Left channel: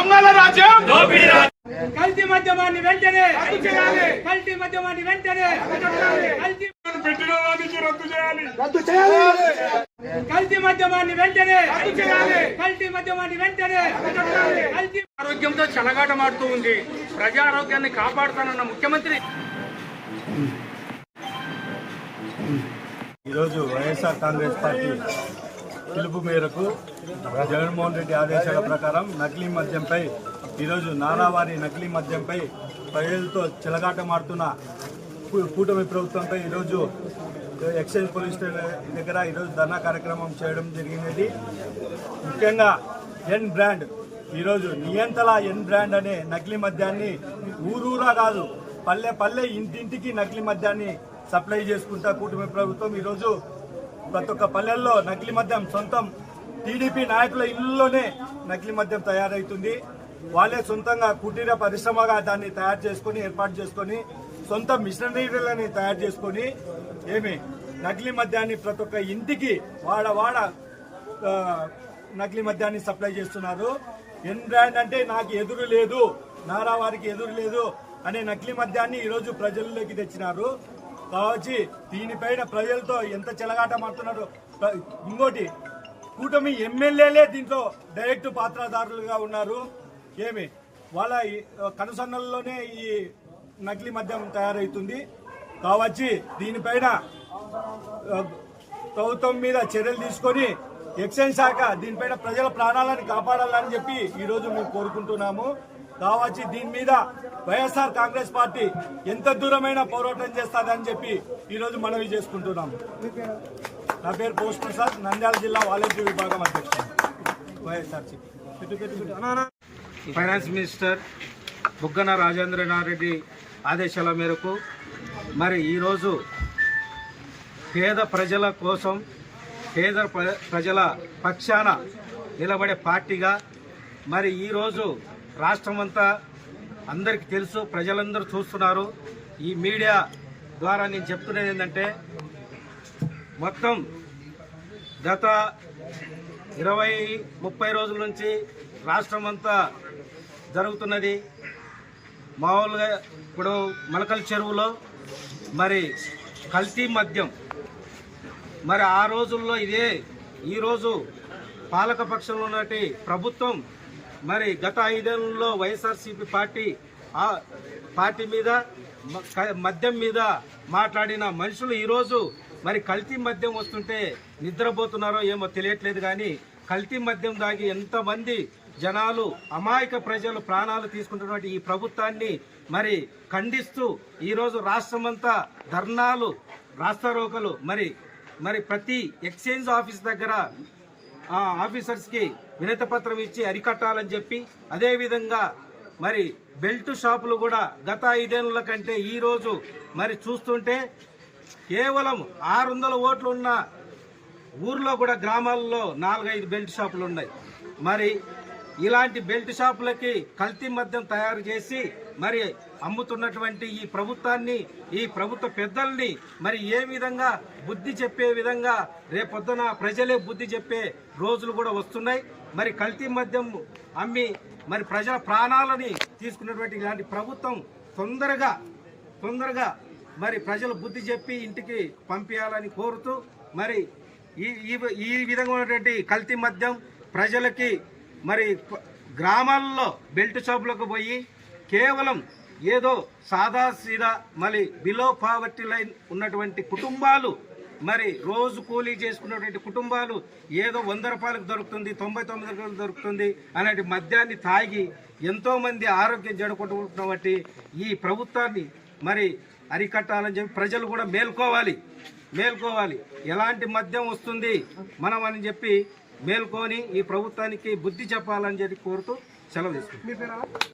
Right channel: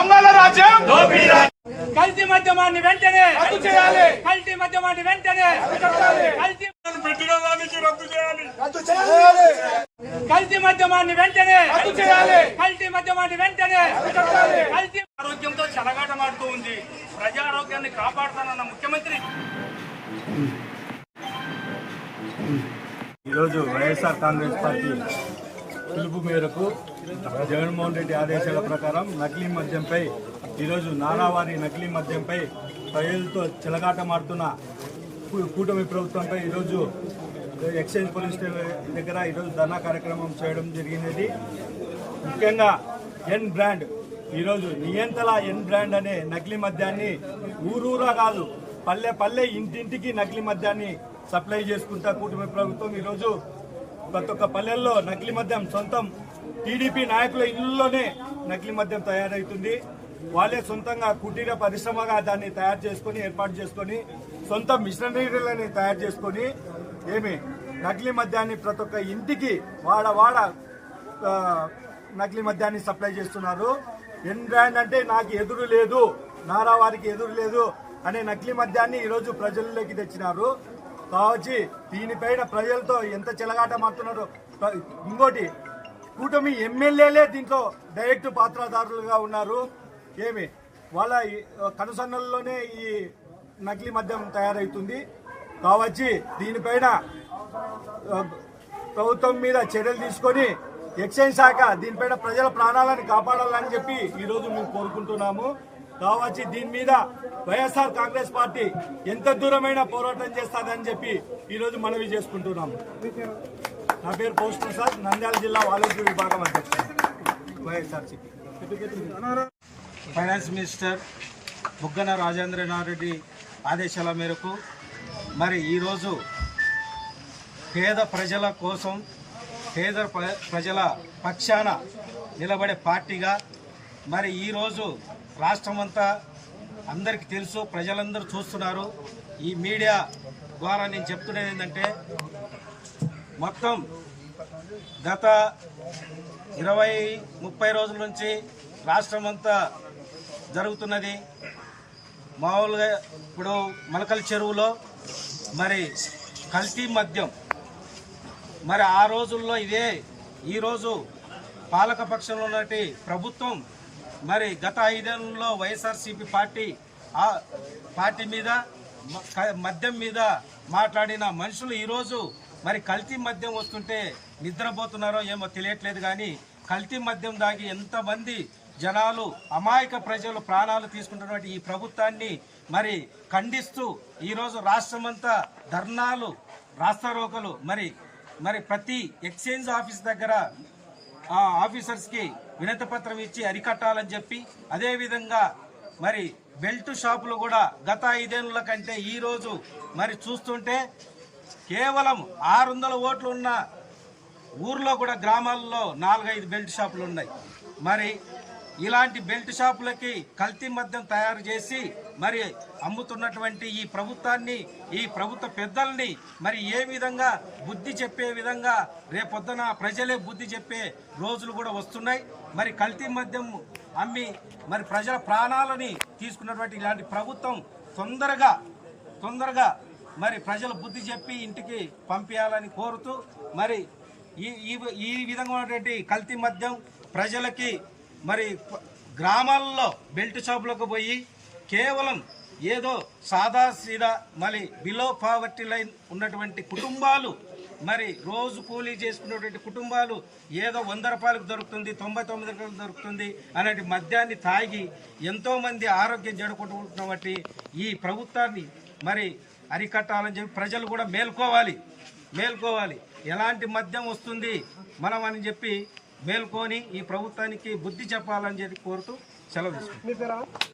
దొంగల రాజ్యం. కల్తీ మద్యమాన్ని వెంటనే కల్తీ మద్యమాన్ని వెంటనే కల్తీ పెట్టిన దానికి రద్దు చేయాలి. కల్తీ మద్యమాన్ని వెంటనే కల్తీ మద్యమాన్ని వెంటనే కల్తీ ఆరోగ్యంతో చెలగాటమాడుతూ ఉంది. ప్రజా ఆరోగ్యాన్ని కాపాడుతానన్న ముఖ్యమంత్రి. ఈరోజు వైఎస్ఆర్ కాంగ్రెస్ పార్టీ పిలుపు మేరకు జగన్మోహన్ రెడ్డి ఆదేశాల ప్రకారం నకిలీ మద్యంపై ఈరోజు నానావారి నకిలీ మద్యంపై ప్రజలతో చిలగాటమాడుతున్న కూటమి ప్రభుత్వంపై ఈరోజు ఎక్సైజ్ పోలీస్ స్టేషన్ దగ్గర ఈరోజు ధర్నా కార్యక్రమం చేయడం జరిగినది. ముఖ్యంగా ఎన్ బ్రాండ్ ఈరోజు నియంతల ఎన్ బ్రాండ్ అనే నకిలీ మద్యాన్ని ఊరూరా కాదు పల్లె పల్లె ఇంటింటికి నకిలీ మద్యాన్ని సప్లై చేసుకుంటా కూటమి ప్రభుత్వం ఈరోజు ప్రతి ఒక్క పల్లెల్లో నకిలీ మద్యం సొంతం టీడీపీ నాయకుల ఇళ్ళలోనే నకిలీ మద్యం తయారవుతుంది వాళ్ళే సొంతంగా కుటీర పరిశ్రమగా దాన్ని తయారు చేసుకొని ఏర్పాటు చేసుకొని సొంత మిషనరీలని తయారు చేసుకొని ఏమి నకిలీ మద్యాన్ని ప్రతి ఒక్క ఇంటికి వాడ వాడ నకిలీ మద్యాన్ని సప్లై చేస్తున్నారు. ఎన్ బ్రాండ్ అంటే నాకు ఎదురు లేదు నారా వారికి ఎదురు లేదు అనే నకిలీ మద్యాన్ని ఈరోజు ప్రజల్లోకి తెచ్చినారు. కావచ్చు దీనిపైన ప్రజలతో ఎంత చెలగాట మారుతున్నారు ఇంకోటి కూటమి ఎమ్మెల్యేలే దీంట్లో డైరెక్ట్ పాత్రదారులుగా ఉన్నారు. ఏమి? వాళ్ళ కనుసన్నల్లోనే ఈ నకిలీ మద్యం తయారవుతుంది కావచ్చు దీనిపైన ప్రభుత్వం మీద చర్యలు తీసుకొని ఎక్సైజ్ శాఖ దీనిపైన ప్రజల ప్రాణాలను కాపాడాలని చెప్పి ఈరోజు మేము కోరుకుంటున్నాము. కావచ్చు దీని మీద వైఎస్ఆర్ కాంగ్రెస్ పార్టీ ఎంత దూరమైన పోరాటం చేస్తుందని చెప్పి ఈరోజు మనవి చేసుకుంటున్నాము నా పేరు పోస్ట్ ప్రసాద్ నంద్యాల జిల్లా వాలంటీర్ విభాగం అధ్యక్షుడు. వైఎస్ఆర్సీపీ ఫైనాన్స్ మినిస్టర్ బుగ్గన రాజేంద్రనారెడ్డి ఆదేశాల మేరకు మరి ఈరోజు పేద ప్రజల కోసం పేద ప్ర- ప్రజల పక్షాన నిలబడే పార్టీగా మరి ఈరోజు రాష్ట్రమంతా అందరికీ తెలుసు ప్రజలందరూ చూస్తున్నారు. ఈ మీడియా ద్వారా నేను చెప్తున్నది ఏంటంటే మొత్తం గత ఇరవై ముప్పై రోజుల నుంచి రాష్ట్రం అంతా జరుగుతున్నది. మామూలుగా ఇప్పుడు మలకల చెరువులో మరి కల్తీ మద్యం. మరి ఆ రోజుల్లో ఇదే ఈరోజు పాలకపక్షంలో ఉన్నటి ప్రభుత్వం మరి గత ఐదేళ్ళలో వైఎస్ఆర్సీపీ పార్టీ ఆ పార్టీ మీద మద్యం మీద మాట్లాడిన మనుషులు ఈరోజు మరి కల్తీ మద్యం వస్తుంటే నిద్రపోతున్నారో ఏమో తెలియట్లేదు కానీ కల్తీ మద్యం దాగి ఎంతమంది జనాలు అమాయక ప్రజలు ప్రాణాలు తీసుకుంటున్నటువంటి ఈ ప్రభుత్వాన్ని మరి ఖండిస్తూ ఈరోజు రాష్ట్రమంతా ధర్నాలు రాస్తారోకలు మరి మరి ప్రతి ఎక్స్చేంజ్ ఆఫీస్ దగ్గర ఆ ఆఫీసర్స్కి వినతి పత్రం ఇచ్చి అరికట్టాలని చెప్పి అదేవిధంగా మరి బెల్ట్ షాపులు కూడా గత ఐదేళ్ళ కంటే ఈరోజు మరి చూస్తుంటే కేవలం ఆరు వందల ఓట్లు ఉన్న ఊర్లో కూడా గ్రామాల్లో నాలుగైదు బెల్ట్ షాపులు ఉన్నాయి మరి ఇలాంటి బెల్ట్ షాపులకి కల్తీ మద్యం తయారు చేసి మరి అమ్ముతున్నటువంటి ఈ ప్రభుత్వాన్ని ఈ ప్రభుత్వ పెద్దల్ని మరి ఏ విధంగా బుద్ధి చెప్పే విధంగా రేపొద్దున ప్రజలే బుద్ధి చెప్పే రోజులు కూడా వస్తున్నాయి. మరి కల్తీ మద్యం అమ్మి మరి ప్రజల ప్రాణాలని తీసుకున్నటువంటి ఇలాంటి ప్రభుత్వం తొందరగా తొందరగా మరి ప్రజలు బుద్ధి చెప్పి ఇంటికి పంపించాలని కోరుతూ మరి ఈ ఈ ఈ విధంగా ఉన్నటువంటి కల్తీ మద్యం ప్రజలకి మరి గ్రామాల్లో బెల్ట్ షాపులకు పోయి కేవలం ఏదో సాదా సీదా మరి బిలో పావర్టీ లైన్ ఉన్నటువంటి కుటుంబాలు మరి రోజు కూలీ చేసుకున్నటువంటి కుటుంబాలు ఏదో వంద రూపాయలకు దొరుకుతుంది తొంభై తొమ్మిది రూపాయలు దొరుకుతుంది అలాంటి మద్యాన్ని తాగి ఎంతోమంది ఆరోగ్యం ఆరోగ్యం జడగొట్టుకుంటున్నటువంటి ఈ ప్రభుత్వాన్ని మరి అరికట్టాలని చెప్పి ప్రజలు కూడా మేల్కోవాలి. మేల్కోవాలి. ఎలాంటి మద్యం వస్తుంది? మనం అని చెప్పి మేల్కొని ఈ ప్రభుత్వానికి బుద్ధి చెప్పాలని చెప్పి కోరుతూ సెలవు తీసుకుంటాం